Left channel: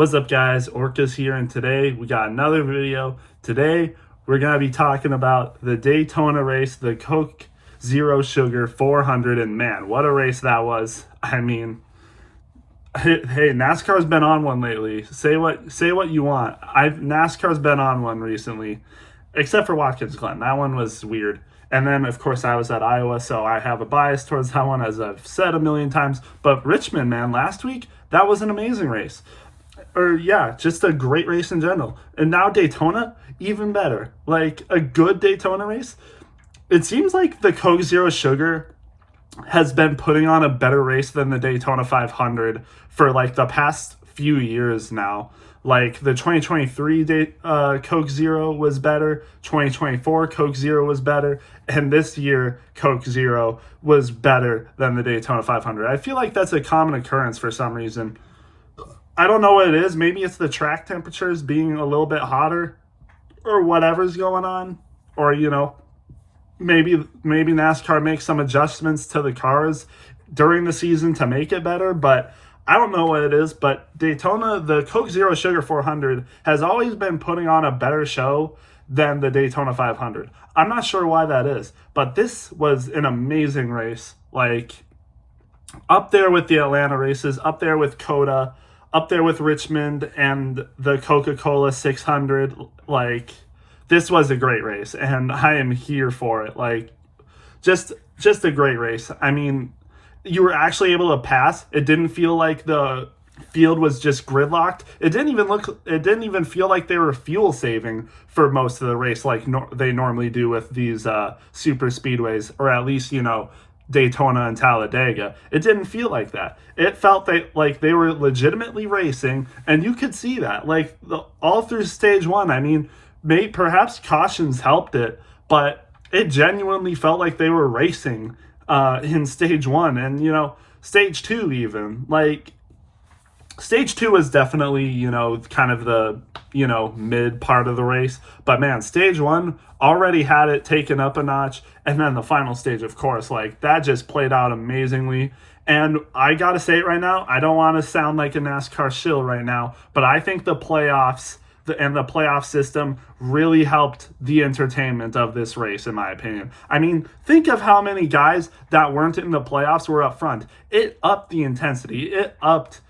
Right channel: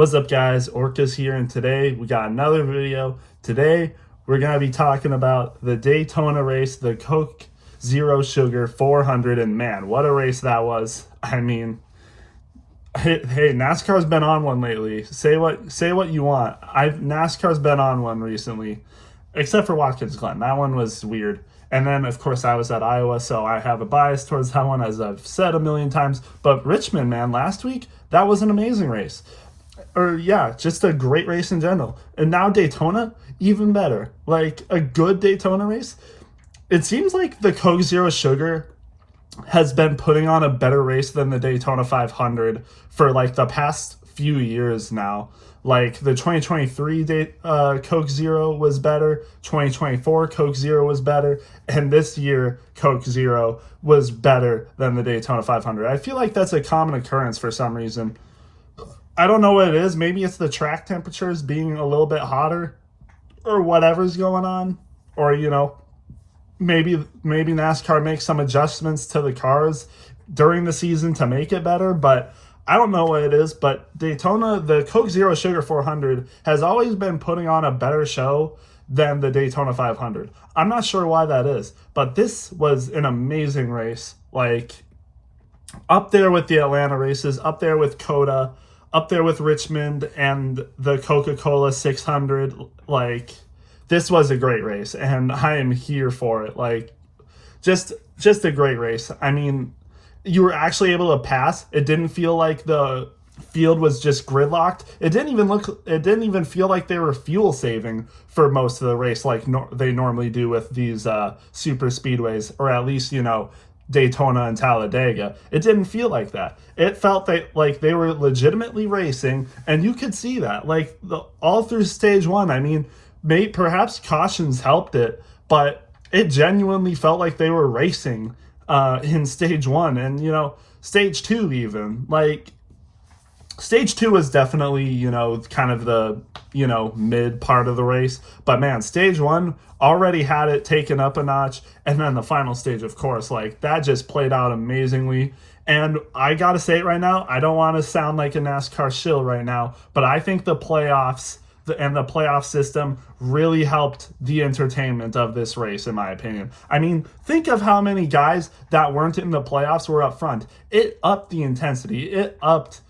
What's up, guys? Orcas here, and today we got another video. Today we're going to be talking about the Daytona race, the Coke Zero Sugar 400, and man, what a race that was. I mean, hey, NASCAR's been on one lately. Say what you want. NASCAR's been on one recently, except for Watkins Glen. That one was weird. And then, of course, I was at Iowa, so I have a bias towards that one, as I've said a million times. But Richmond, man, last week, that was an amazing race. Or yeah, just a great race in general. And now Daytona, even better. Like a good Daytona race. It seems like the Coke Zero Sugar has been putting on a better race than the Daytona 500 for like the past few years now. Like the 2023 Coke Zero was better, 2024 Coke Zero was better, and this year Coke Zero was better than the Daytona 500. I feel like that's a common occurrence for some reason. I don't know what it is. Maybe it's the track temperatures being a little bit hotter or whatever's going on. Or, maybe NASCAR makes some adjustments to the cars during the season to make it better. But I don't know what it is. But Daytona, the Coke Zero Sugar 400 has always been putting on a better show than the Daytona 500. I'm not sure why that is. But this was an amazing race. Like, up there with the Atlanta races, up there with COTA, up there with Richmond and the Coca-Cola 600. Like, this was a great race, and I am here for it. Like, just a great race. I mean, you were actually able to pass. It didn't feel like the field was just gridlocked. It didn't even feel like they were fuel saving for most of the race, like they normally do with these super speedways, or at least, Daytona and Talladega. It didn't feel like that. It felt like they were legitimately racing, and you could see that all through stage one. I mean, perhaps cautions helped it, but it genuinely felt like they were racing in stage one, and stage two even. Like, stage two is definitely, kind of the, mid part of the race. But man, stage one already had it taken up a notch. And then the final stage, of course, like that just played out amazingly. And I got to say it right now, I don't want to sound like a NASCAR shill right now, but I think the playoffs and the playoff system really helped the entertainment of this race, in my opinion. I mean, think of how many guys that weren't in the playoffs were up front. It upped the intensity. It upped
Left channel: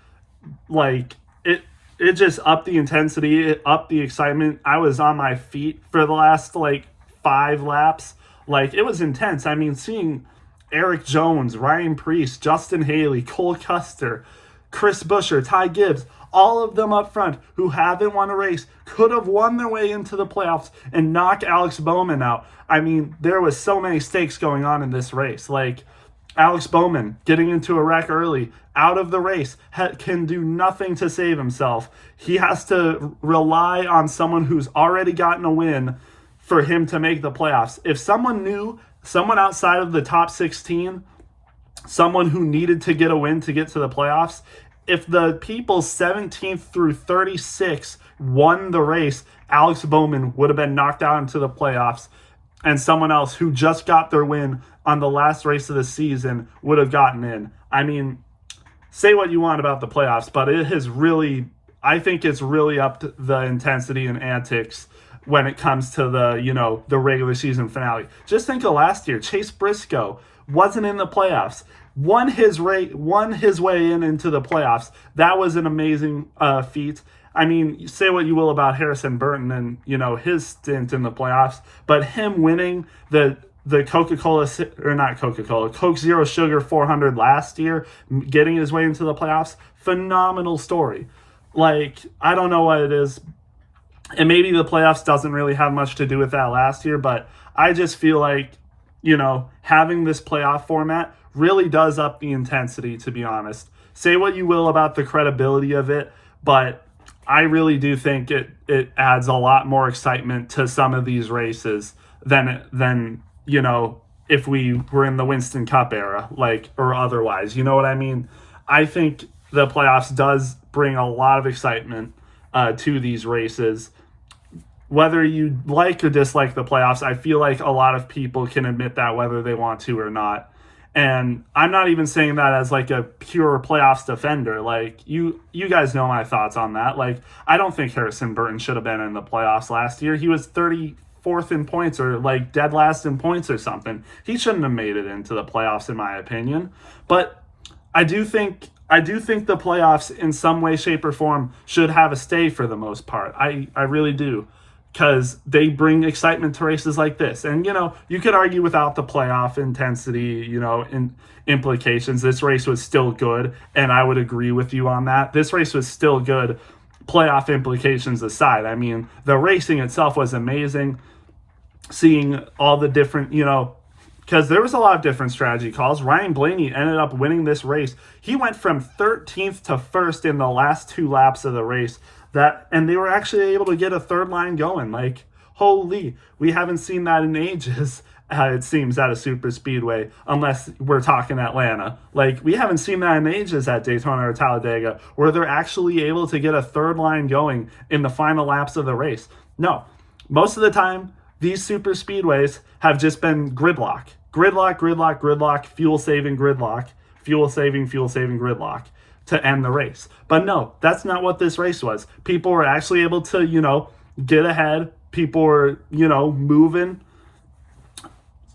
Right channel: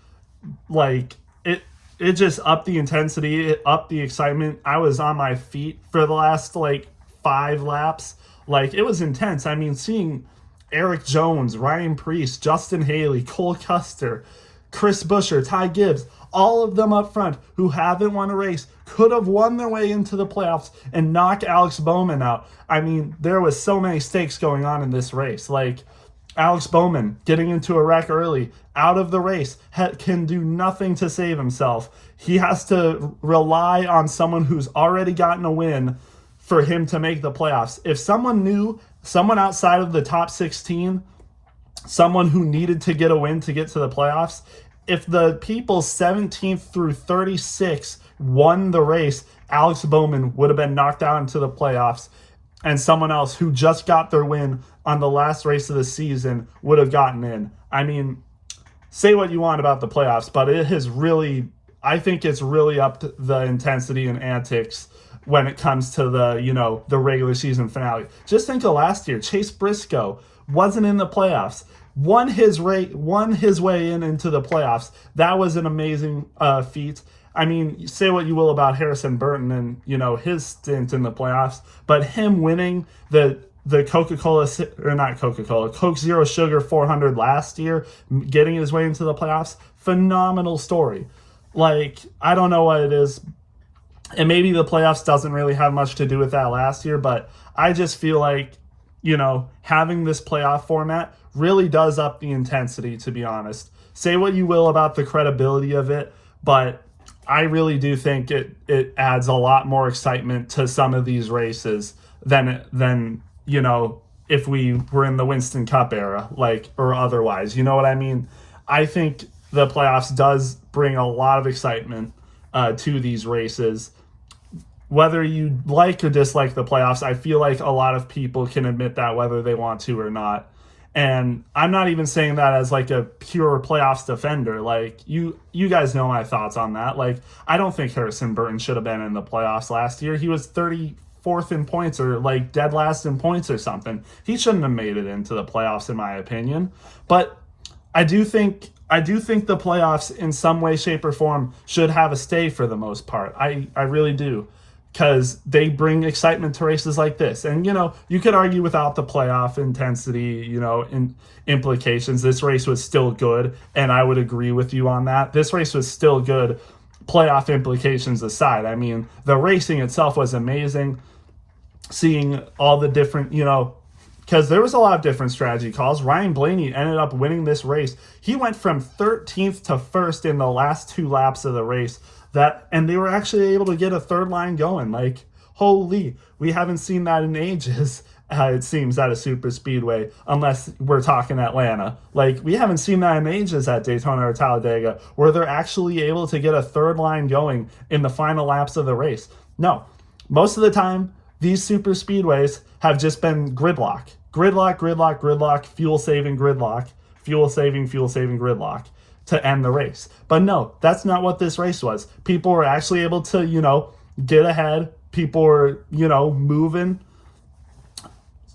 it just upped the intensity. It upped the excitement. I was on my feet for the last 5 laps. Like, it was intense. I mean, seeing Eric Jones, Ryan Preece, Justin Haley, Cole Custer, Chris Buescher, Ty Gibbs, all of them up front who haven't won a race, could have won their way into the playoffs and knock Alex Bowman out. I mean, there was so many stakes going on in this race. Like, Alex Bowman getting into a wreck early, out of the race, can do nothing to save himself. He has to rely on someone who's already gotten a win for him to make the playoffs. If someone outside of the top 16, someone who needed to get a win to get to the playoffs, if the people 17th through 36 won the race, Alex Bowman would have been knocked out into the playoffs, and someone else who just got their win on the last race of the season would have gotten in. I mean, say what you want about the playoffs, but I think it's really upped the intensity and antics when it comes to the regular season finale. Just think of last year. Chase Briscoe wasn't in the playoffs. Won his way into the playoffs. That was an amazing feat. I mean, say what you will about Harrison Burton and, his stint in the playoffs, but him winning the Coke Zero Sugar 400 last year, getting his way into the playoffs, phenomenal story. Like, I don't know what it is. And maybe the playoffs doesn't really have much to do with that last year, but I just feel like, having this playoff format really does up the intensity, to be honest. Say what you will about the credibility of it, but I really do think it adds a lot more excitement to some of these races than if we were in the Winston Cup era, or otherwise. You know what I mean? I think the playoffs does bring a lot of excitement to these races. Whether you like or dislike the playoffs, I feel like a lot of people can admit that whether they want to or not. And I'm not even saying that as like a pure playoffs defender. Like you guys know my thoughts on that. Like I don't think Harrison Burton should have been in the playoffs last year. He was 34th in points or like dead last in points or something. He shouldn't have made it into the playoffs in my opinion. But I do think the playoffs in some way, shape, or form should have a stay for the most part. I really do. Because they bring excitement to races like this. And, you could argue without the playoff intensity, implications, this race was still good. And I would agree with you on that. This race was still good, playoff implications aside. I mean, the racing itself was amazing. Seeing all the different, because there was a lot of different strategy calls. Ryan Blaney ended up winning this race. He went from 13th to 1st in the last 2 laps of the race. And they were actually able to get a third line going. Like, holy, we haven't seen that in ages, it seems, at a super speedway, unless we're talking Atlanta. Like, we haven't seen that in ages at Daytona or Talladega, where they're actually able to get a third line going in the final laps of the race. No, most of the time, these super speedways have just been gridlock, fuel-saving gridlock, fuel-saving gridlock to end the race. But no, that's not what this race was. People were actually able to, get ahead. People were, moving,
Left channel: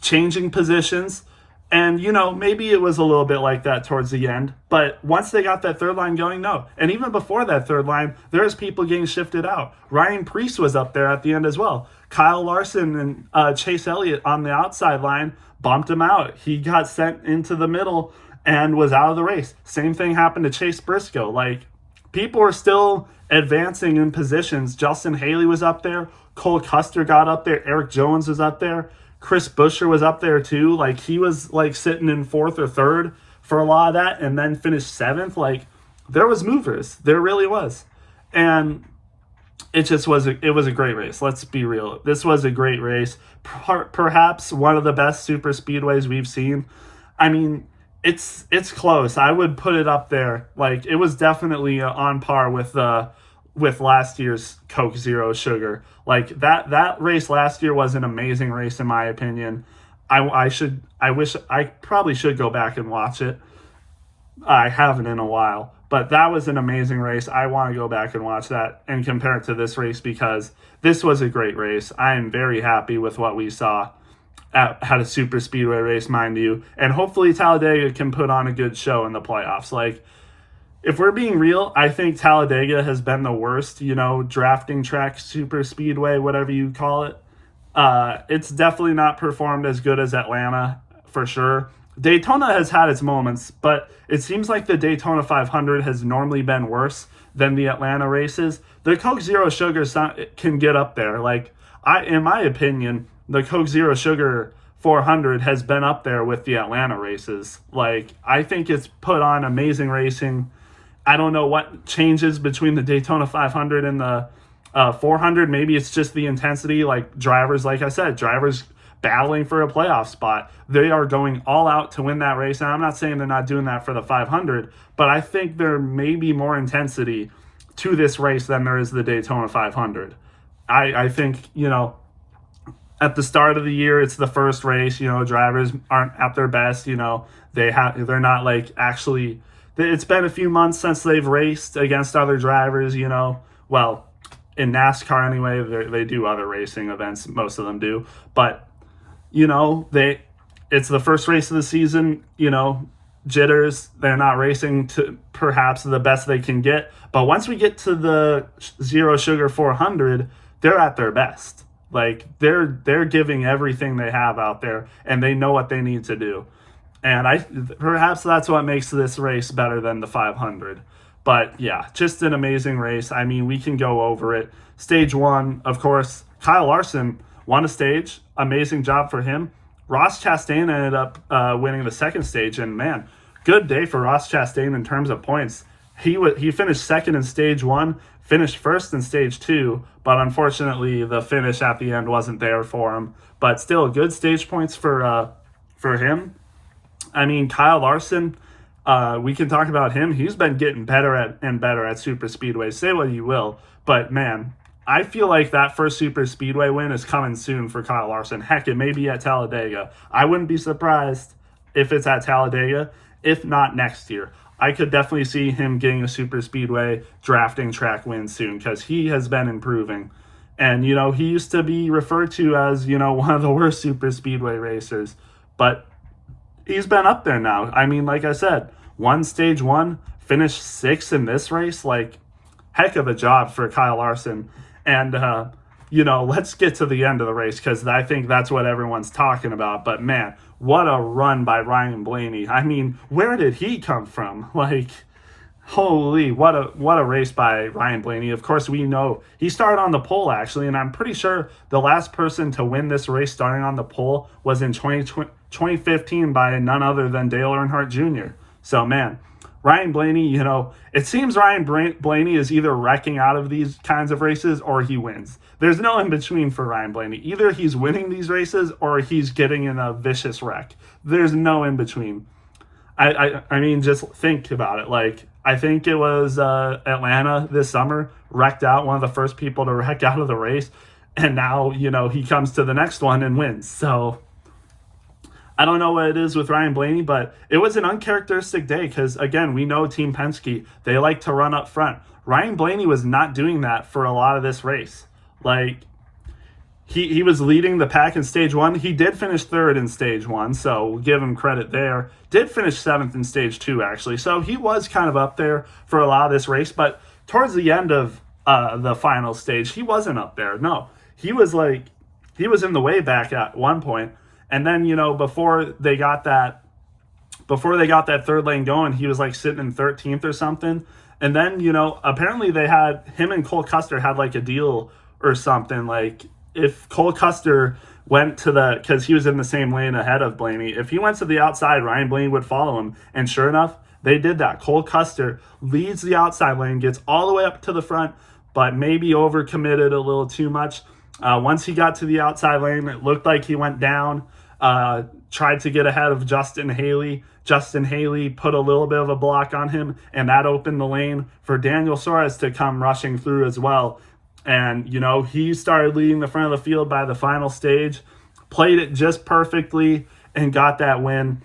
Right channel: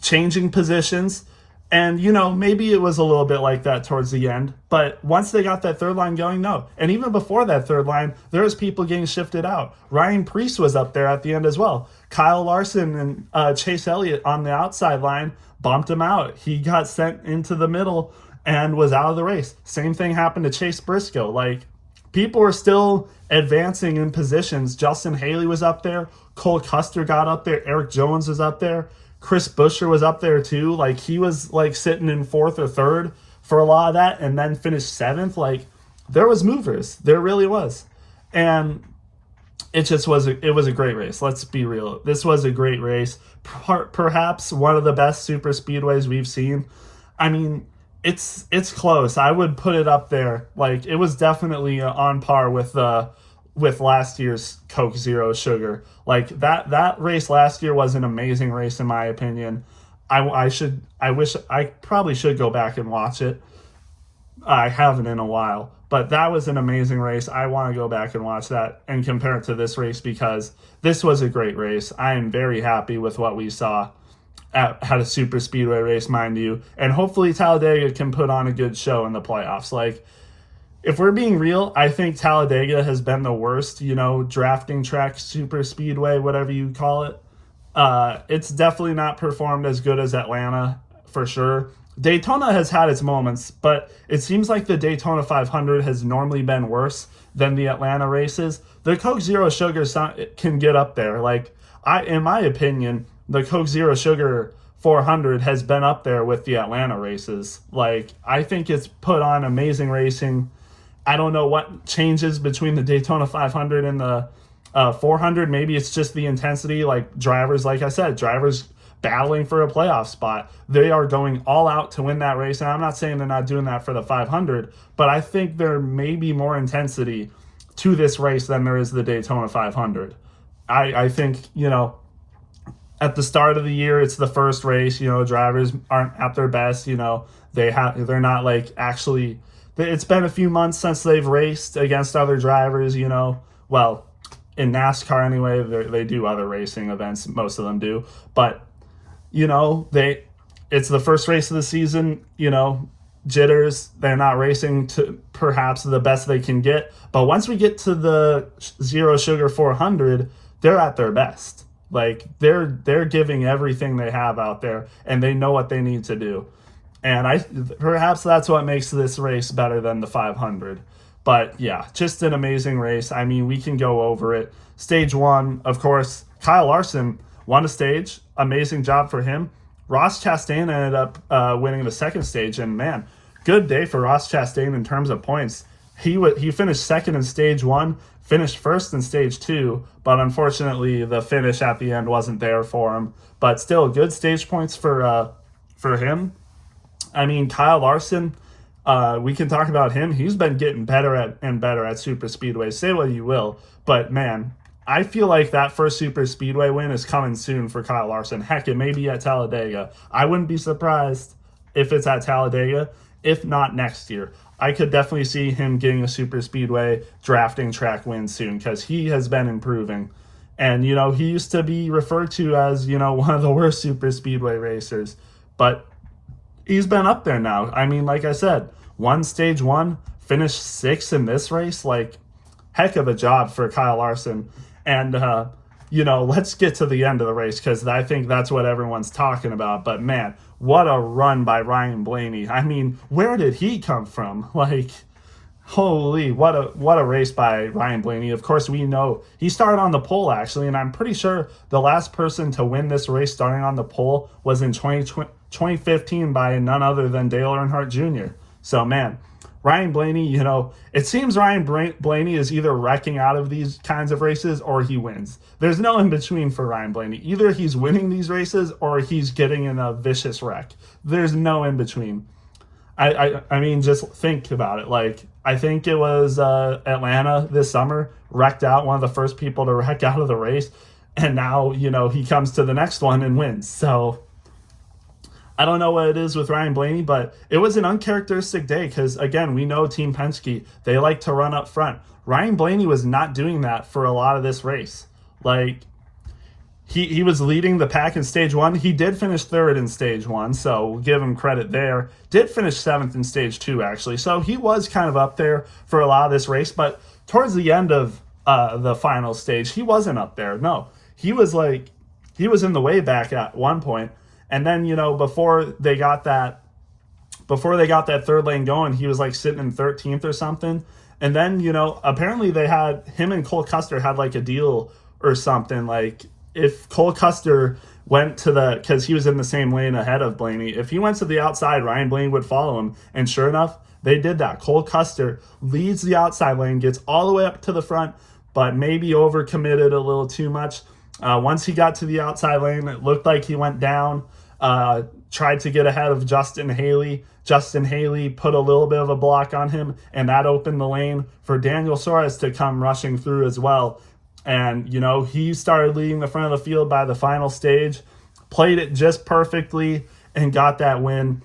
changing positions. And, maybe it was a little bit like that towards the end. But once they got that third line going, no. And even before that third line, there was people getting shifted out. Ryan Preece was up there at the end as well. Kyle Larson and Chase Elliott on the outside line bumped him out. He got sent into the middle and was out of the race. Same thing happened to Chase Briscoe. Like, people were still advancing in positions. Justin Haley was up there. Cole Custer got up there. Eric Jones was up there. Chris Buescher was up there too. Like, he was like sitting in 4th or 3rd for a lot of that and then finished 7th. Like, there was movers. There really was. And it was a great race. Let's be real. This was a great race. Perhaps one of the best super speedways we've seen. I mean, it's close. I would put it up there. Like, it was definitely on par with last year's Coke Zero Sugar. Like, that race last year was an amazing race in my opinion. I probably should go back and watch it. I haven't in a while, but that was an amazing race. I want to go back and watch that and compare it to this race because this was a great race. I am very happy with what we saw at a super speedway race, mind you, and hopefully Talladega can put on a good show in the playoffs. Like, if we're being real, I think Talladega has been the worst, drafting track, super speedway, whatever you call it. It's definitely not performed as good as Atlanta, for sure. Daytona has had its moments, but it seems like the Daytona 500 has normally been worse than the Atlanta races. The Coke Zero Sugar can get up there. Like, in my opinion, the Coke Zero Sugar 400 has been up there with the Atlanta races. Like, I think it's put on amazing racing. I don't know what changes between the Daytona 500 and the 400. Maybe it's just the intensity. Like, drivers battling for a playoff spot. They are going all out to win that race. And I'm not saying they're not doing that for the 500, but I think there may be more intensity to this race than there is the Daytona 500. I think, at the start of the year, it's the first race, drivers aren't at their best, they're not like actually, it's been a few months since they've raced against other drivers, well, in NASCAR anyway, they do other racing events, most of them do, but it's the first race of the season, jitters, they're not racing to perhaps the best they can get, but once we get to the Zero Sugar 400, they're at their best. Like, they're giving everything they have out there, and they know what they need to do. And perhaps that's what makes this race better than the 500. But yeah, just an amazing race. I mean, we can go over it. Stage 1, of course, Kyle Larson won a stage. Amazing job for him. Ross Chastain ended up winning the second stage, and man, good day for Ross Chastain in terms of points. He finished second in stage 1, finished first in stage 2, but unfortunately the finish at the end wasn't there for him. But still, good stage points for him. I mean, Kyle Larson, we can talk about him. He's been getting better at super speedways. Say what you will, but man, I feel like that first super speedway win is coming soon for Kyle Larson. Heck, it may be at Talladega. I wouldn't be surprised if it's at Talladega, if not next year. I could definitely see him getting a super speedway drafting track win soon because he has been improving. And, he used to be referred to as, one of the worst super speedway racers. But he's been up there now. I mean, like I said, won stage 1, finished 6th in this race. Like, heck of a job for Kyle Larson. And, let's get to the end of the race because I think that's what everyone's talking about. But, man, what a run by Ryan Blaney. I mean, where did he come from? Like, holy, what a race by Ryan Blaney. Of course, we know he started on the pole, actually, and I'm pretty sure the last person to win this race starting on the pole was in 2015 by none other than Dale Earnhardt Jr. So, man, Ryan Blaney, it seems Ryan Blaney is either wrecking out of these kinds of races or he wins. There's no in between for Ryan Blaney. Either he's winning these races or he's getting in a vicious wreck. There's no in between. I mean, just think about it. Like, I think it was Atlanta this summer, wrecked out, one of the first people to wreck out of the race. And now, he comes to the next one and wins. So I don't know what it is with Ryan Blaney, but it was an uncharacteristic day because, again, we know Team Penske, they like to run up front. Ryan Blaney was not doing that for a lot of this race. Like, he was leading the pack in stage 1. He did finish 3rd in stage 1, so we'll give him credit there. Did finish 7th in stage 2, actually. So he was kind of up there for a lot of this race, but towards the end of the final stage, he wasn't up there. No, he was in the way back at one point. And then, before they got that 3rd lane going, he was like sitting in 13th or something. And then, apparently they had him and Cole Custer had like a deal or something. Like, if Cole Custer went to because he was in the same lane ahead of Blaney, if he went to the outside, Ryan Blaney would follow him. And sure enough, they did that. Cole Custer leads the outside lane, gets all the way up to the front, but maybe overcommitted a little too much. Once he got to the outside lane, it looked like he went down, tried to get ahead of Justin Haley. Justin Haley put a little bit of a block on him, and that opened the lane for Daniel Suarez to come rushing through as well. And, he started leading the front of the field by the final stage, played it just perfectly, and got that win.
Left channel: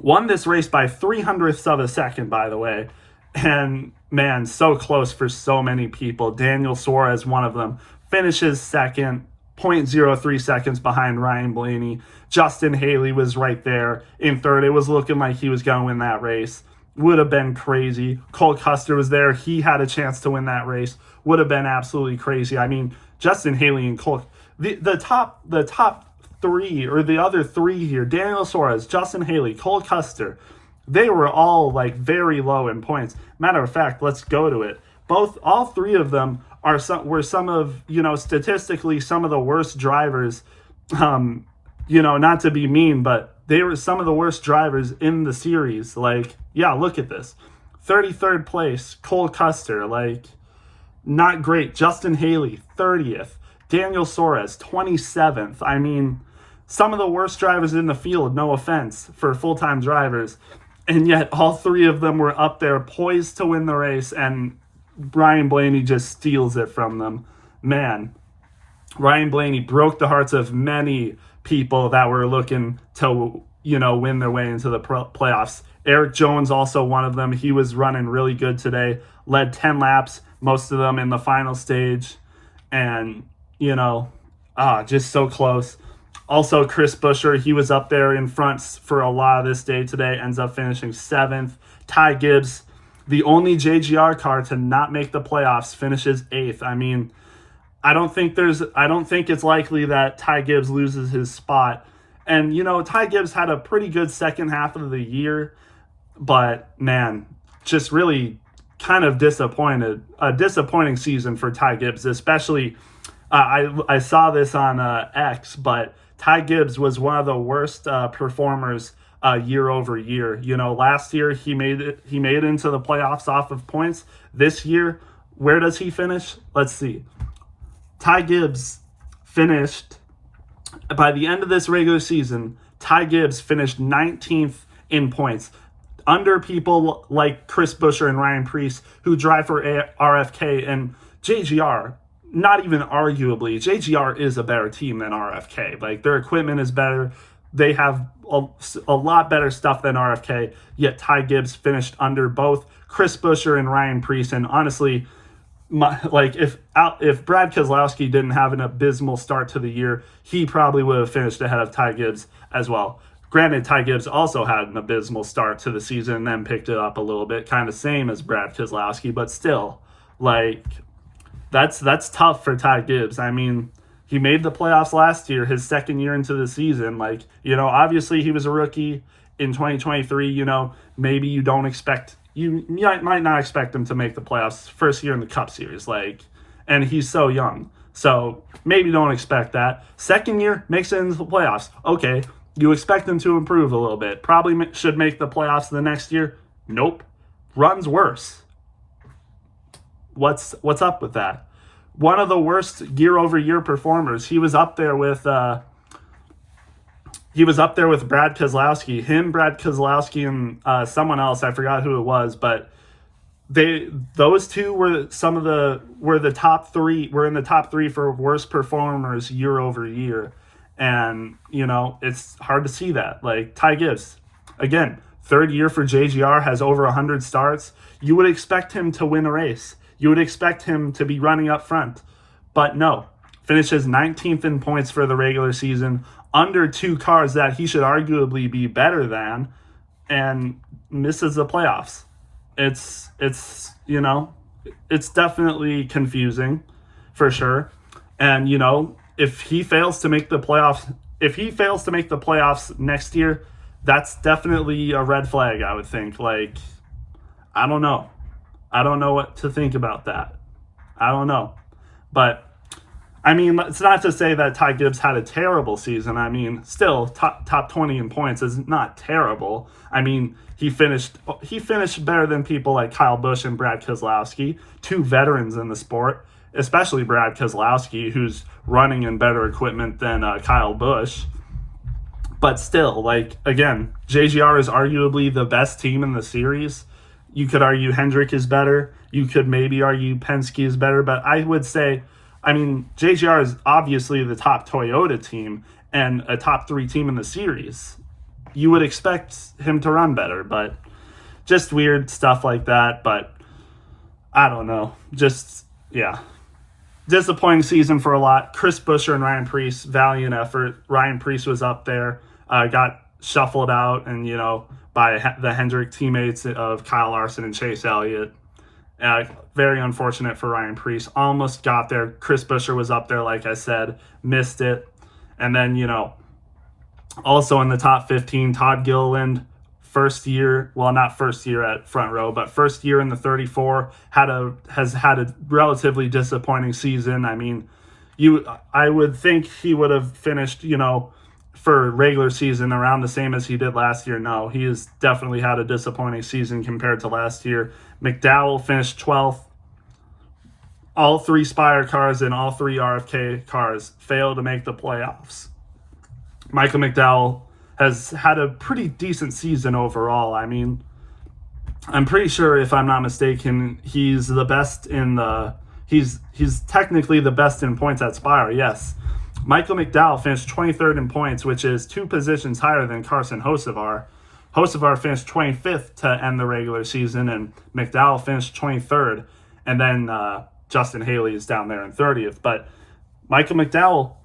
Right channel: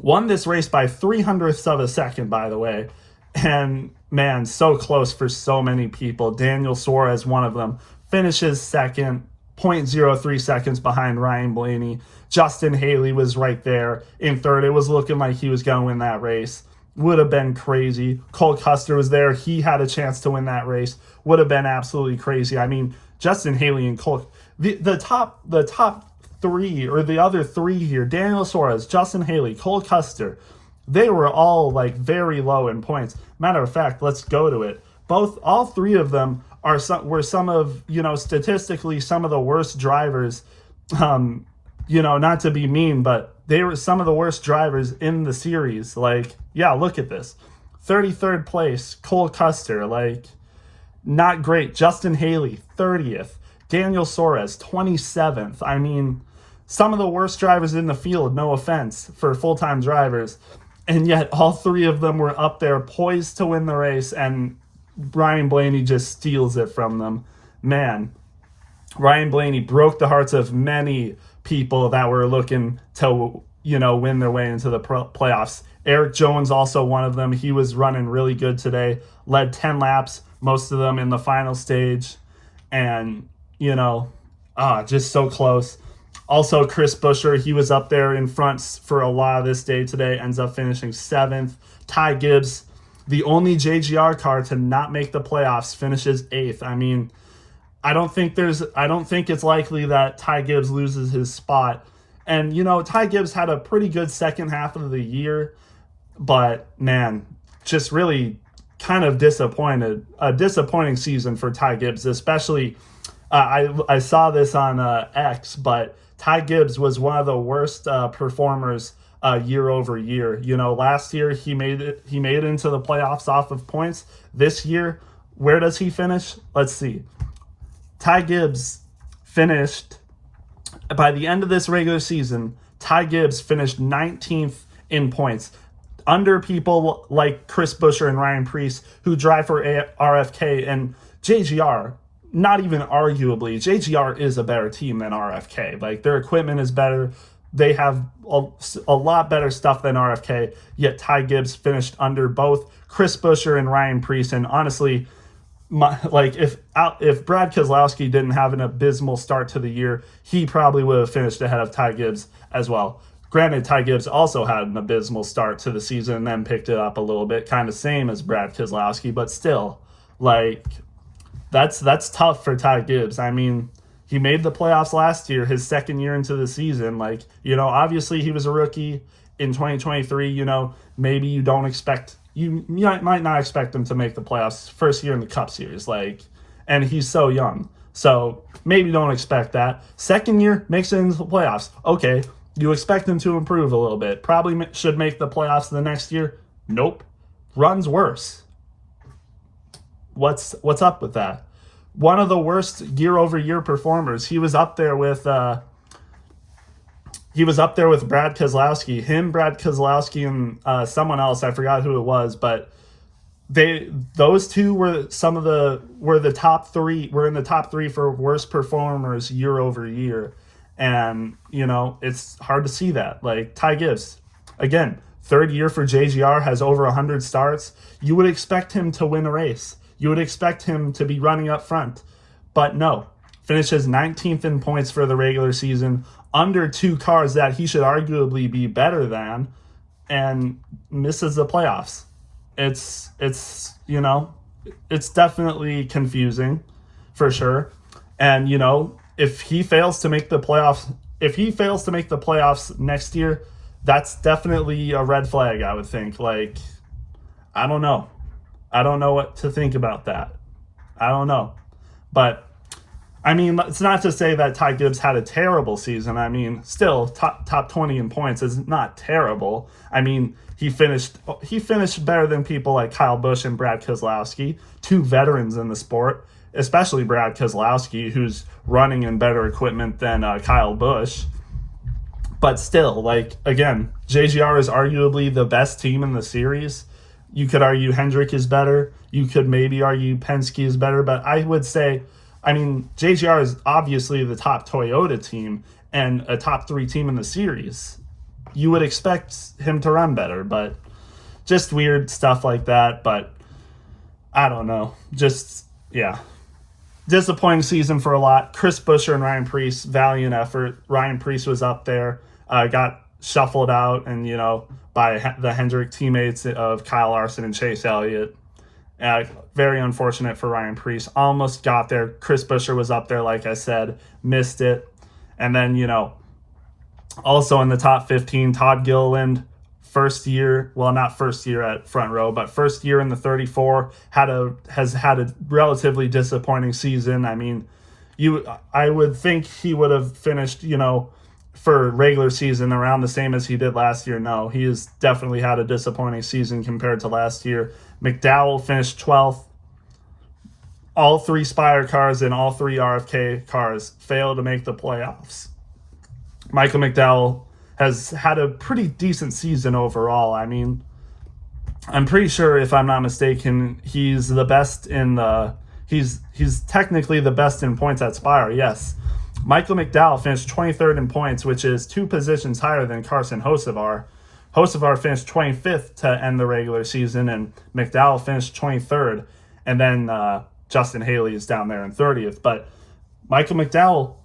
Won this race by 0.03 of a second, by the way. And, man, so close for so many people. Daniel Suarez, one of them, finishes second, 0.03 seconds behind Ryan Blaney. Justin Haley was right there in 3rd. It was looking like he was going to win that race. Would have been crazy. Cole Custer was there. He had a chance to win that race. Would have been absolutely crazy. I mean, Justin Haley and Cole, the top 3, or the other 3 here, Daniel Suarez, Justin Haley, Cole Custer, they were all like very low in points. Matter of fact, let's go to it. All 3 of them were some of, statistically some of the worst drivers. Not to be mean, but they were some of the worst drivers in the series. Like, yeah, look at this. 33rd place, Cole Custer, like, not great. Justin Haley, 30th. Daniel Suarez, 27th. I mean, some of the worst drivers in the field, no offense, for full-time drivers. And yet all 3 of them were up there poised to win the race, and Ryan Blaney just steals it from them. Man, Ryan Blaney broke the hearts of many people that were looking to, win their way into the playoffs. Eric Jones, also one of them. He was running really good today. Led 10 laps, most of them in the final stage. And, just so close. Also, Chris Buescher, he was up there in front for a lot of this day today. Ends up finishing 7th. Ty Gibbs, the only JGR car to not make the playoffs, finishes 8th. I mean, I don't think it's likely that Ty Gibbs loses his spot. And, Ty Gibbs had a pretty good second half of the year, but, man, just really kind of disappointed. A disappointing season for Ty Gibbs, especially, I saw this on X, but Ty Gibbs was one of the worst performers year over year. Last year he made it into the playoffs off of points. This year, where does he finish? Let's see. Ty Gibbs finished, by the end of this regular season, Ty Gibbs finished 19th in points, under people like Chris Buescher and Ryan Preece, who drive for RFK and JGR. Not even arguably, JGR is a better team than RFK. Like, their equipment is better. they have a lot better stuff than RFK, yet Ty Gibbs finished under both Chris Buescher and Ryan Preece. And honestly, if Brad Keselowski didn't have an abysmal start to the year, he probably would have finished ahead of Ty Gibbs as well. Granted, Ty Gibbs also had an abysmal start to the season and then picked it up a little bit, kind of same as Brad Keselowski, but still, that's tough for Ty Gibbs. I mean, he made the playoffs last year, his second year into the season. Obviously he was a rookie in 2023. Maybe you might not expect him to make the playoffs first year in the Cup Series. And he's so young. So maybe don't expect that. Second year, makes it into the playoffs. Okay, you expect him to improve a little bit. Probably should make the playoffs the next year. Nope. Runs worse. What's up with that? One of the worst year-over-year performers. He was up there with Brad Keselowski. Brad Keselowski, and someone else. I forgot who it was, but those two were the top three. Were in the top three for worst performers year over year, and it's hard to see that. Ty Gibbs, again, third year for JGR, has over 100 starts. You would expect him to win a race. You would expect him to be running up front. But no, finishes 19th in points for the regular season, under two cars that he should arguably be better than, and misses the playoffs. It's definitely confusing, for sure. And, if he fails to make the playoffs next year, that's definitely a red flag, I would think. I don't know. I don't know what to think about that. I don't know. But, I mean, it's not to say that Ty Gibbs had a terrible season. I mean, still, top 20 in points is not terrible. I mean, he finished better than people like Kyle Busch and Brad Keselowski, two veterans in the sport, especially Brad Keselowski, who's running in better equipment than Kyle Busch. But still, again, JGR is arguably the best team in the series. You could argue Hendrick is better. You could maybe argue Penske is better. But I would say, JGR is obviously the top Toyota team and a top three team in the series. You would expect him to run better, but just weird stuff like that. But I don't know. Disappointing season for a lot. Chris Buescher and Ryan Preece, valiant effort. Ryan Preece was up there, got shuffled out, and by the Hendrick teammates of Kyle Larson and Chase Elliott. Very unfortunate for Ryan Preece. Almost got there. Chris Buescher was up there, like I said, missed it. And then, also in the top 15, Todd Gilliland, first year at front row, but first year in the 34, has had a relatively disappointing season. I mean, I would think he would have finished, for regular season around the same as he did last year. No, he has definitely had a disappointing season compared to last year. McDowell finished 12th. All three Spire cars and all three RFK cars failed to make the playoffs. Michael McDowell has had a pretty decent season overall. I mean, I'm pretty sure, if I'm not mistaken, he's the best he's technically the best in points at Spire, yes. Michael McDowell finished 23rd in points, which is 2 positions higher than Carson Hocevar. Hocevar finished 25th to end the regular season, and McDowell finished 23rd. And then Justin Haley is down there in 30th. But Michael McDowell,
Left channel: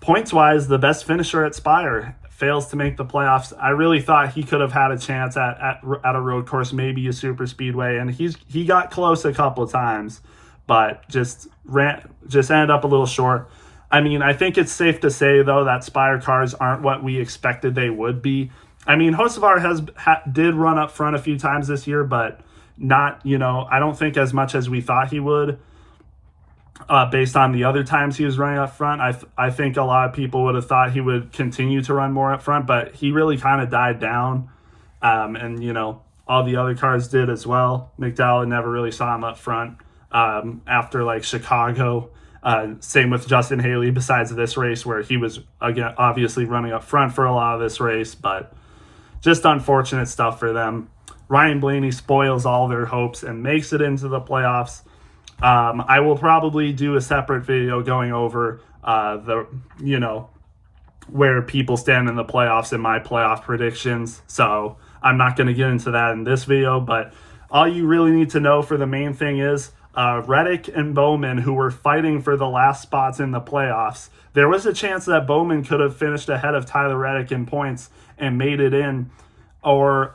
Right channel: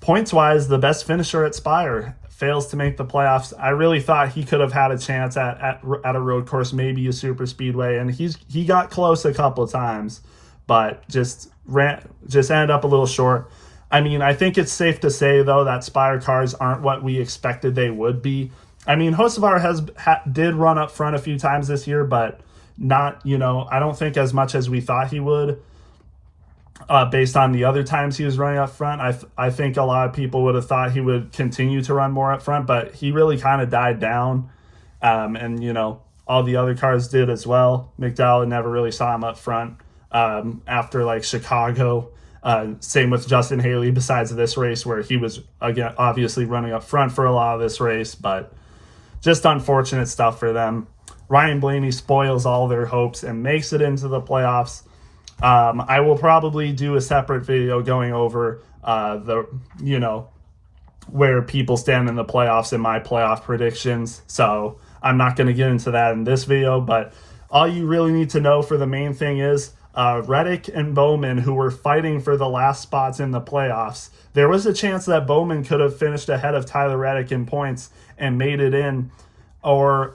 points-wise, the best finisher at Spire, fails to make the playoffs. I really thought he could have had a chance at a road course, maybe a super speedway, and he got close a couple of times, but just ended up a little short. I mean, I think it's safe to say, though, that Spire cars aren't what we expected they would be. I mean, Hocevar did run up front a few times this year, but not, I don't think as much as we thought he would, based on the other times he was running up front. I think a lot of people would have thought he would continue to run more up front, but he really kind of died down. And, all the other cars did as well. McDowell never really saw him up front after, Chicago. Same with Justin Haley, besides this race where he was, again, obviously running up front for a lot of this race, but just unfortunate stuff for them. Ryan Blaney spoils all their hopes and makes it into the playoffs. I will probably do a separate video going over where people stand in the playoffs in my playoff predictions. So I'm not going to get into that in this video, but all you really need to know for the main thing is Reddick and Bowman, who were fighting for the last spots in the playoffs. There was a chance that Bowman could have finished ahead of Tyler Reddick in points and made it in, or,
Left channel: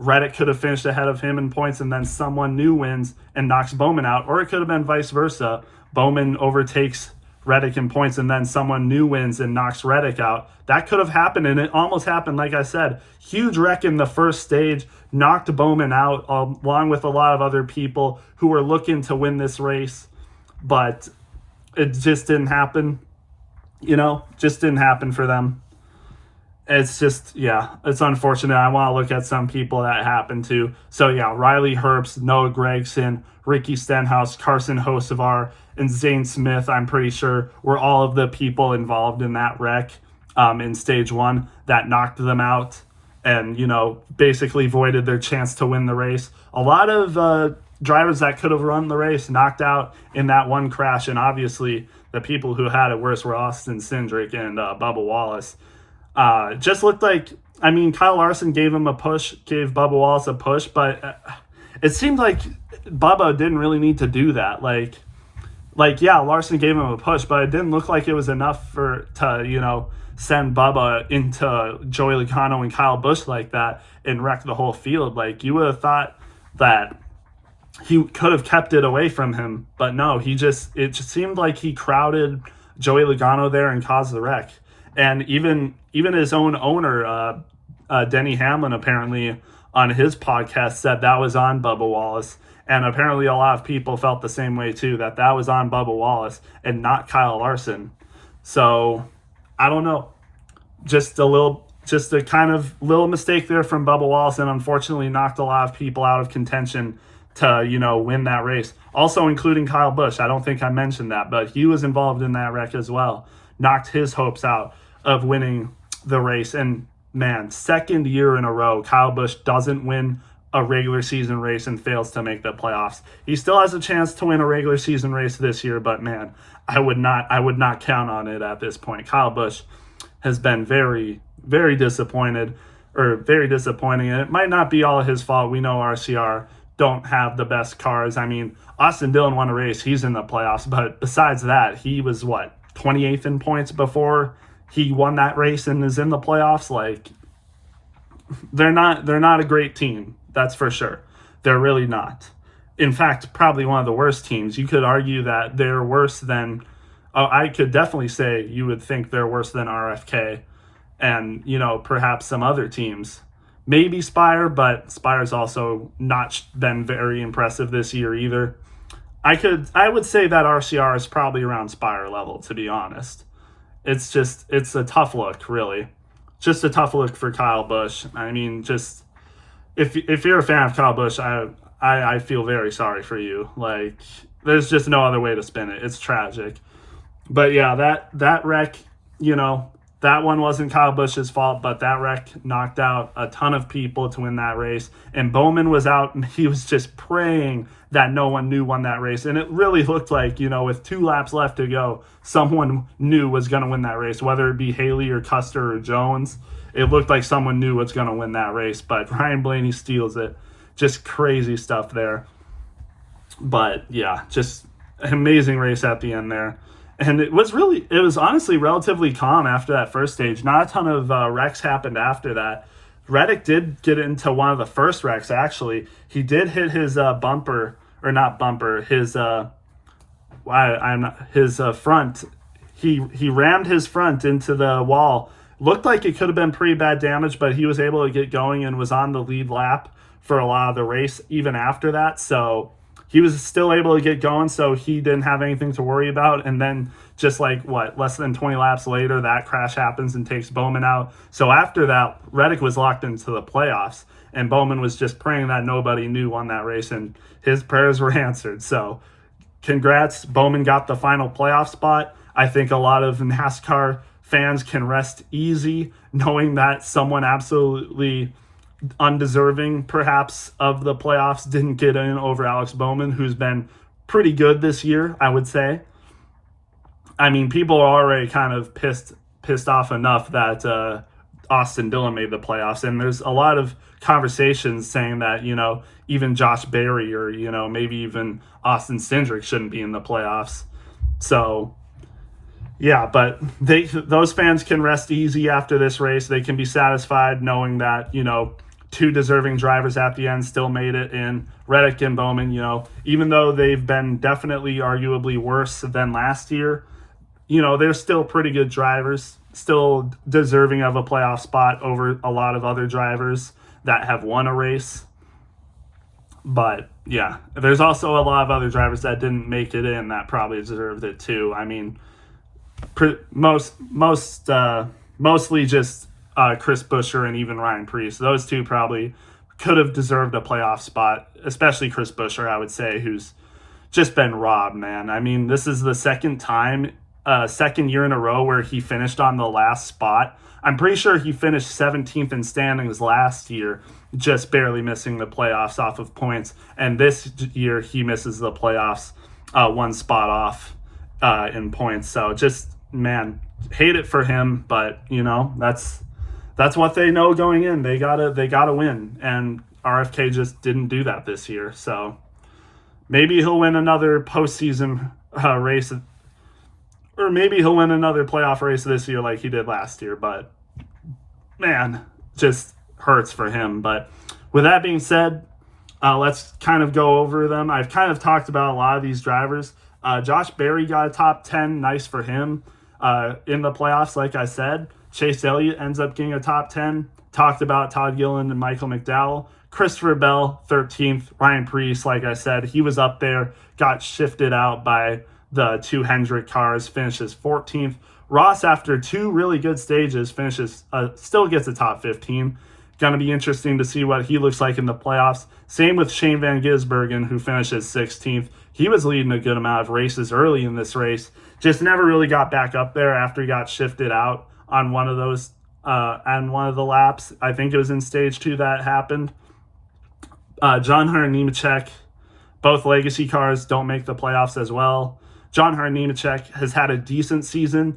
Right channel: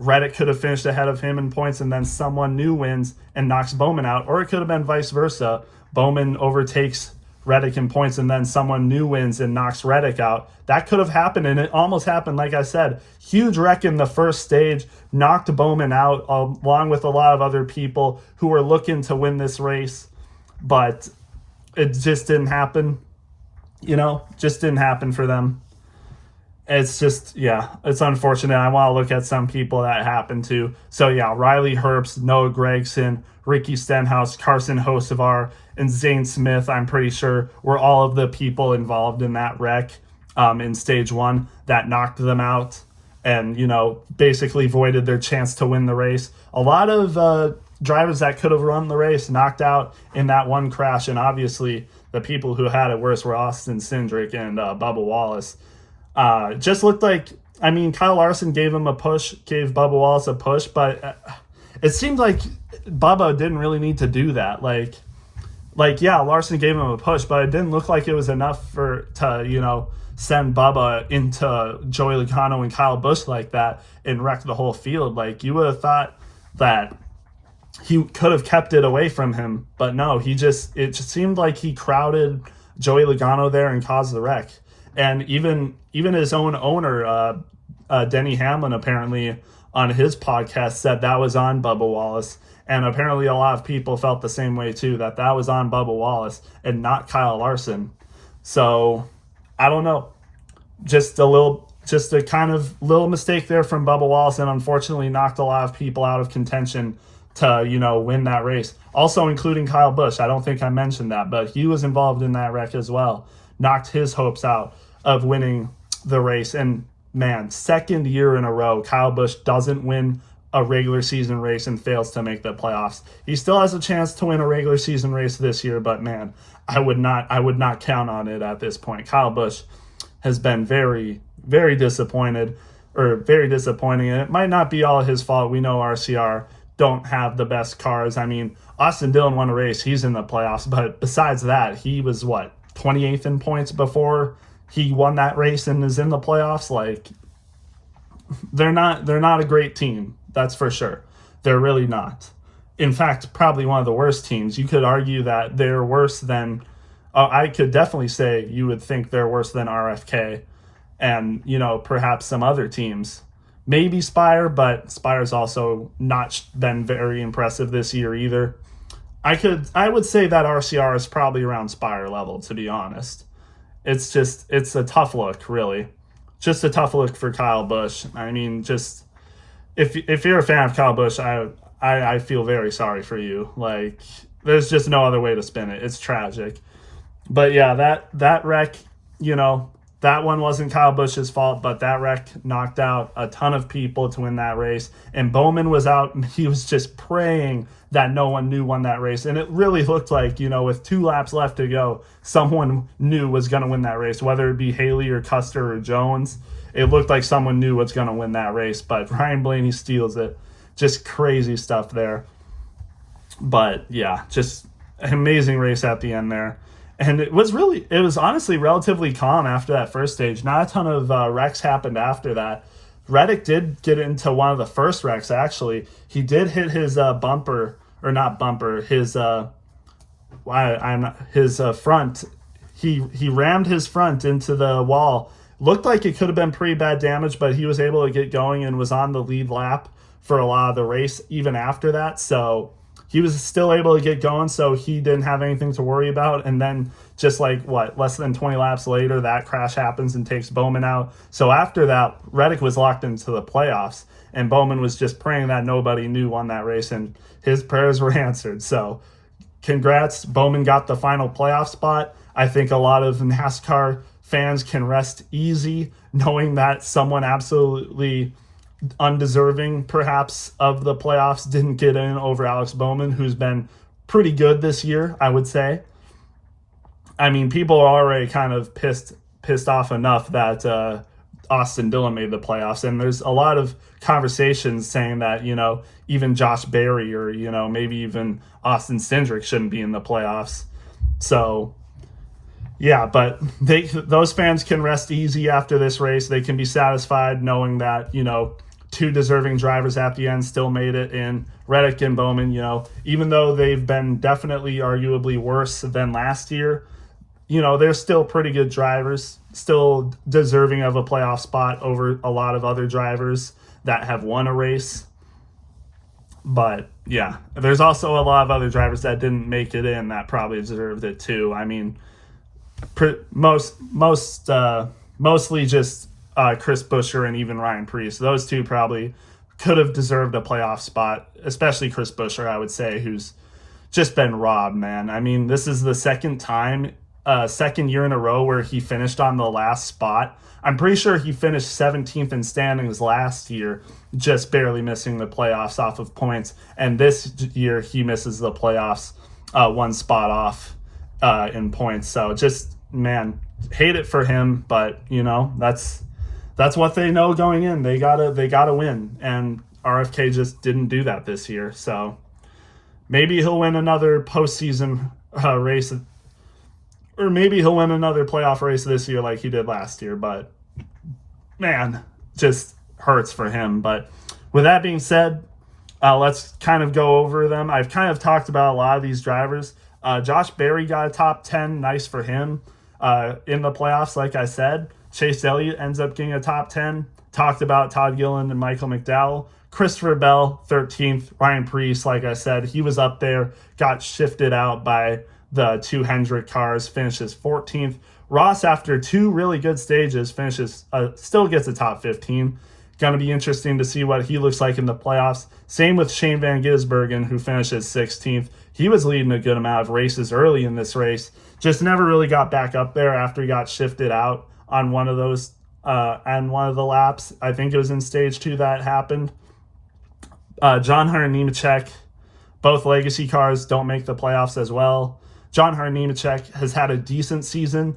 Reddick could have finished ahead of him in points and then someone new wins and knocks Bowman out, or it could have been vice versa. Bowman overtakes Reddick in points and then someone new wins and knocks Reddick out. That could have happened, and it almost happened. Like I said, huge wreck in the first stage, knocked Bowman out along with a lot of other people who were looking to win this race, but it just didn't happen. Just didn't happen for them. It's just, it's unfortunate. I want to look at some people that happened to. So, Riley Herbst, Noah Gragson, Ricky Stenhouse, Carson Hocevar, and Zane Smith, I'm pretty sure, were all of the people involved in that wreck in stage one that knocked them out and, basically voided their chance to win the race. A lot of drivers that could have run the race knocked out in that one crash, and obviously the people who had it worse were Austin Cindric and Bubba Wallace. Just looked like, Kyle Larson gave Bubba Wallace a push, but it seemed like Bubba didn't really need to do that. Larson gave him a push, but it didn't look like it was enough to send Bubba into Joey Logano and Kyle Busch like that and wreck the whole field. Like, you would have thought that he could have kept it away from him, but no, it just seemed like he crowded Joey Logano there and caused the wreck. And even his own owner, Denny Hamlin, apparently on his podcast said that was on Bubba Wallace. And apparently a lot of people felt the same way too, that was on Bubba Wallace and not Kyle Larson. So I don't know. Just a kind of little mistake there from Bubba Wallace, and unfortunately knocked a lot of people out of contention to, win that race. Also including Kyle Busch. I don't think I mentioned that, but he was involved in that wreck as well. Knocked his hopes out of winning the race. And man, second year in a row, Kyle Busch doesn't win a regular season race and fails to make the playoffs. He still has a chance to win a regular season race this year, but man, I would not count on it at this point. Kyle Busch has been very, very disappointing. And it might not be all his fault. We know RCR don't have the best cars. Austin Dillon won a race. He's in the playoffs. But besides that, he was 28th in points before he won that race and is in the playoffs. Like, they're not a great team. That's for sure. They're really not. In fact, probably one of the worst teams. You could argue that they're worse than, I could definitely say you would think they're worse than RFK and, perhaps some other teams. Maybe Spire, but Spire's also not been very impressive this year either. I would say that RCR is probably around Spire level, to be honest. It's a tough look, really. Just a tough look for Kyle Busch. If you're a fan of Kyle Busch, I feel very sorry for you. Like, there's just no other way to spin it. It's tragic. But yeah, that wreck, that one wasn't Kyle Busch's fault, but that wreck knocked out a ton of people to win that race. And Bowman was out, and he was just praying that no one new won that race. And it really looked like, with 2 laps left to go, someone new was going to win that race, whether it be Haley or Custer or Jones. It looked like someone new was going to win that race, but Ryan Blaney steals it. Just crazy stuff there. But yeah, just an amazing race at the end there. And it was honestly relatively calm after that first stage. Not a ton of wrecks happened after that. Reddick did get into one of the first wrecks, actually. He did hit his front. He rammed his front into the wall. Looked like it could have been pretty bad damage, but he was able to get going and was on the lead lap for a lot of the race even after that. So he was still able to get going, so he didn't have anything to worry about. And then just less than 20 laps later, that crash happens and takes Bowman out. So after that, Reddick was locked into the playoffs, and Bowman was just praying that nobody new won that race, and his prayers were answered. So congrats, Bowman got the final playoff spot. I think a lot of NASCAR fans can rest easy knowing that someone absolutely undeserving, perhaps, of the playoffs didn't get in over Alex Bowman, who's been pretty good this year, I would say. People are already kind of pissed pissed off enough that Austin Dillon made the playoffs. And there's a lot of conversations saying that, even Josh Berry or, maybe even Austin Cindric shouldn't be in the playoffs. So, yeah, but those fans can rest easy after this race. They can be satisfied knowing that, two deserving drivers at the end still made it in Reddick and Bowman. Even though they've been definitely arguably worse than last year, they're still pretty good drivers, still deserving of a playoff spot over a lot of other drivers that have won a race. But yeah, there's also a lot of other drivers that didn't make it in that probably deserved it too. I mean, mostly just Chris Buescher and even Ryan Preece. Those two probably could have deserved a playoff spot, especially Chris Buescher, I would say, who's just been robbed, man. I mean, this is the second year in a row where he finished on the last spot. I'm pretty sure he finished 17th in standings last year, just barely missing the playoffs off of points. And this year he misses the playoffs one spot off in points. So just, man, hate it for him, but that's what they know going in. They gotta win, and RFK just didn't do that this year. So maybe he'll win another postseason race, or maybe he'll win another playoff race this year like he did last year. But man, just hurts for him. But with that being said, let's kind of go over them. I've kind of talked about a lot of these drivers. Josh Berry got a top 10, nice for him. In the playoffs, like I said, Chase Elliott ends up getting a top 10. Talked about Todd Gilliland and Michael McDowell. Christopher Bell, 13th. Ryan Preece, like I said, he was up there, got shifted out by the two Hendrick cars, finishes 14th. Ross, after two really good stages, still gets a top 15. Going to be interesting to see what he looks like in the playoffs. Same with Shane Van Gisbergen, who finishes 16th. He was leading a good amount of races early in this race, just never really got back up there after he got shifted out on one of those on one of the laps. I think it was in stage 2 that happened. John Hunter Nemechek, both legacy cars don't make the playoffs as well. John Hunter Nemechek has had a decent season.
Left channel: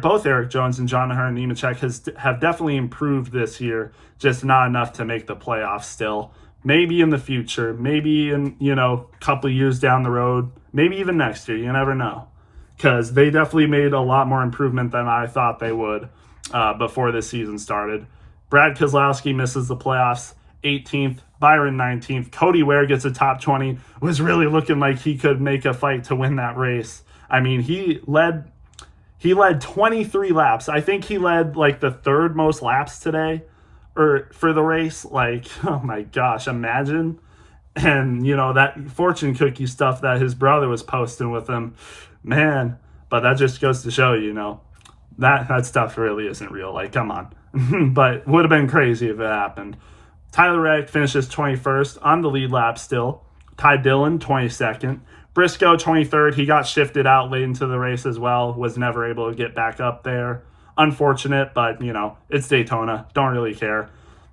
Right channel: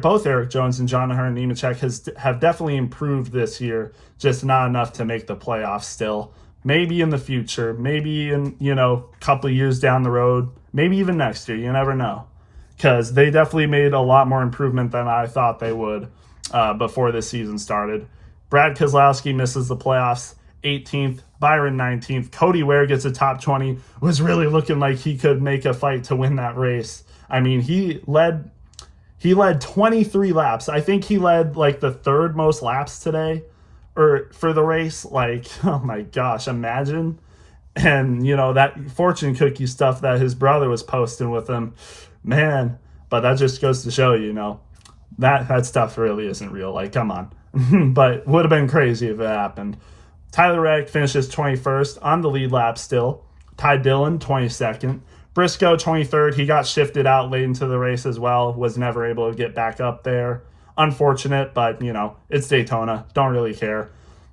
Both Eric Jones and John Hunter Nemechek have definitely improved this year, just not enough to make the playoffs still. Maybe in the future, maybe in, a couple of years down the road, maybe even next year, you never know. Because they definitely made a lot more improvement than I thought they would before this season started. Brad Keselowski misses the playoffs, 18th. Byron 19th. Cody Ware gets a top 20. Was really looking like he could make a fight to win that race. I mean, he led 23 laps. I think he led like the third most laps today or for the race. Like, oh my gosh, imagine. And, that fortune cookie stuff that his brother was posting with him, man. But that just goes to show, that stuff really isn't real. Like, come on. But would have been crazy if it happened. Tyler Reddick finishes 21st on the lead lap still. Ty Dillon, 22nd. Briscoe, 23rd. He got shifted out late into the race as well. Was never able to get back up there. Unfortunate, but, it's Daytona. Don't really care.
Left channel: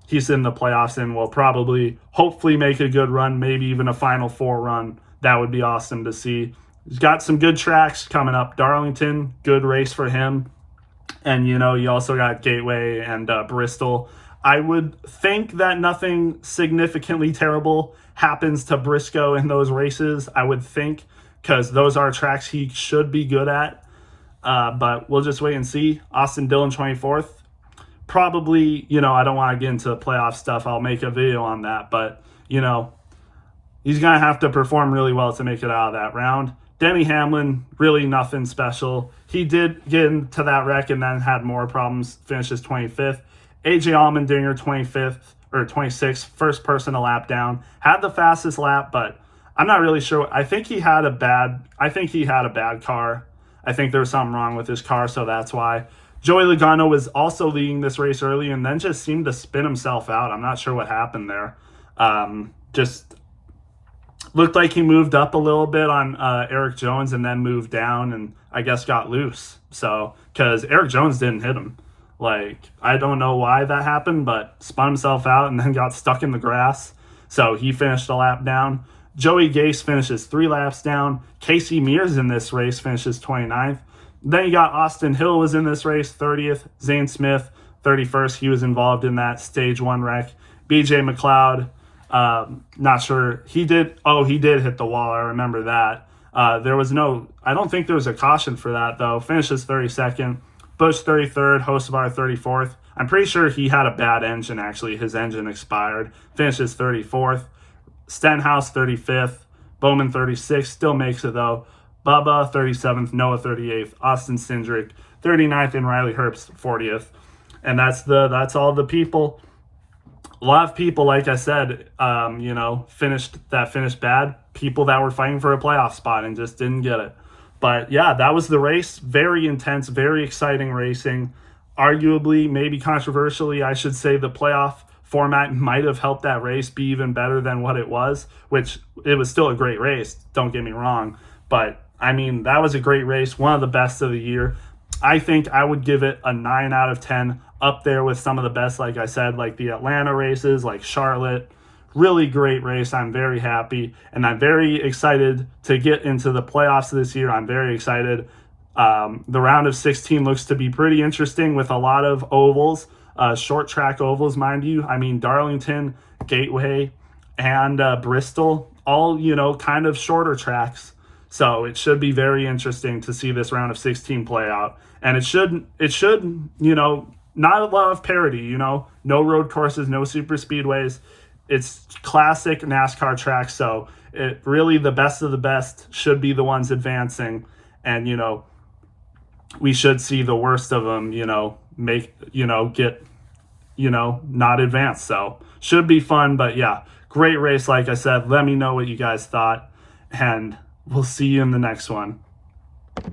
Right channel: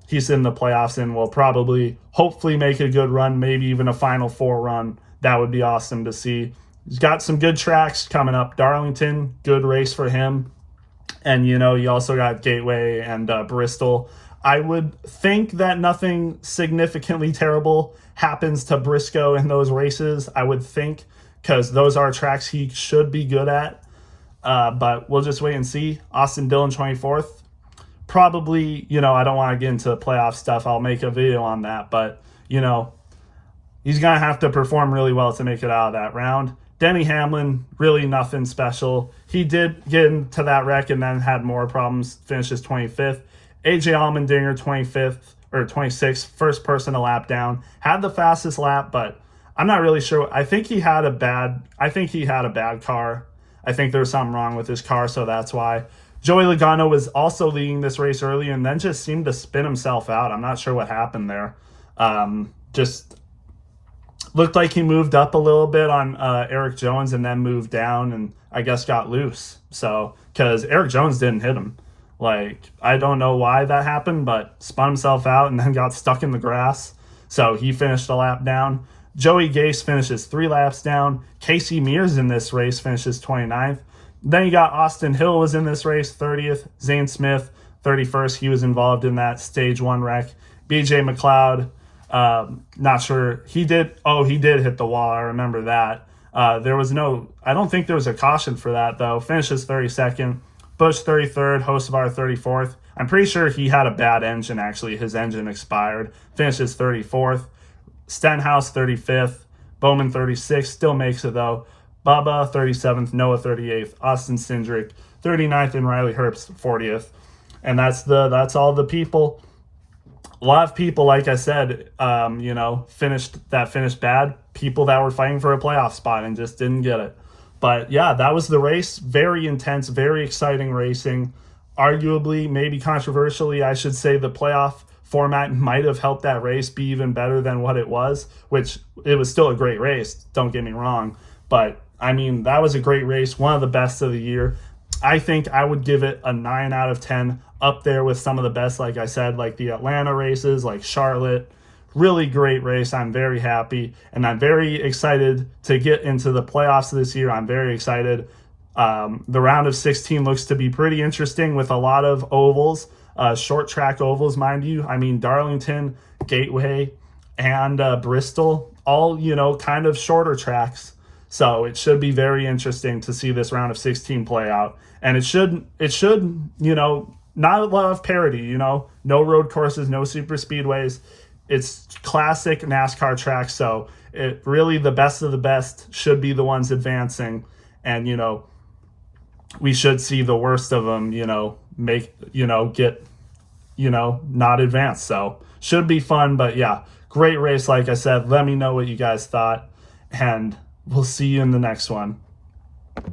He's in the playoffs and will probably, hopefully, make a good run, maybe even a Final Four run. That would be awesome to see. He's got some good tracks coming up. Darlington, good race for him. And, you also got Gateway and Bristol. I would think that nothing significantly terrible happens to Briscoe in those races, I would think, because those are tracks he should be good at. But we'll just wait and see. Austin Dillon, 24th. Probably, I don't want to get into the playoff stuff. I'll make a video on that. But, he's going to have to perform really well to make it out of that round. Denny Hamlin, really nothing special. He did get into that wreck and then had more problems, finishes 25th. AJ Allmendinger, 25th or 26th, first person a lap down. Had the fastest lap, but I'm not really sure. I think he had a bad car. I think there was something wrong with his car, so that's why. Joey Logano was also leading this race early and then just seemed to spin himself out. I'm not sure what happened there. Just looked like he moved up a little bit on Eric Jones and then moved down and I guess got loose. So, because Eric Jones didn't hit him. Like, I don't know why that happened, but spun himself out and then got stuck in the grass. So he finished a lap down. Joey Gase finishes 3 laps down. Casey Mears in this race finishes 29th. Then you got Austin Hill was in this race, 30th. Zane Smith, 31st. He was involved in that stage 1 wreck. BJ McLeod, not sure. He did hit the wall. I remember that. There was I don't think there was a caution for that, though. Finishes 32nd. Bush, 33rd. Hocevar, 34th. I'm pretty sure he had a bad engine, actually. His engine expired. Finishes 34th. Stenhouse, 35th. Bowman, 36th. Still makes it, though. Bubba, 37th. Noah, 38th. Austin Cindric, 39th. And Riley Herbst, 40th. And that's all the people. A lot of people, like I said, finished bad. People that were fighting for a playoff spot and just didn't get it. But yeah, that was the race. Very intense, very exciting racing. Arguably, maybe controversially, I should say the playoff format might have helped that race be even better than what it was, which it was still a great race, don't get me wrong. But I mean, that was a great race, one of the best of the year. I think I would give it a 9 out of 10, up there with some of the best, like I said, like the Atlanta races, like Charlotte. Really great race. I'm very happy, and I'm very excited to get into the playoffs this year. I'm very excited. The round of 16 looks to be pretty interesting with a lot of ovals, short track ovals, mind you. I mean, Darlington, Gateway, and Bristol, all, kind of shorter tracks. So it should be very interesting to see this round of 16 play out. And it should, not a lot of parity, no road courses, no super speedways. It's classic NASCAR tracks. So it really, the best of the best should be the ones advancing. And, we should see the worst of them, not advance. So should be fun, but yeah, great race. Like I said, let me know what you guys thought, and we'll see you in the next one.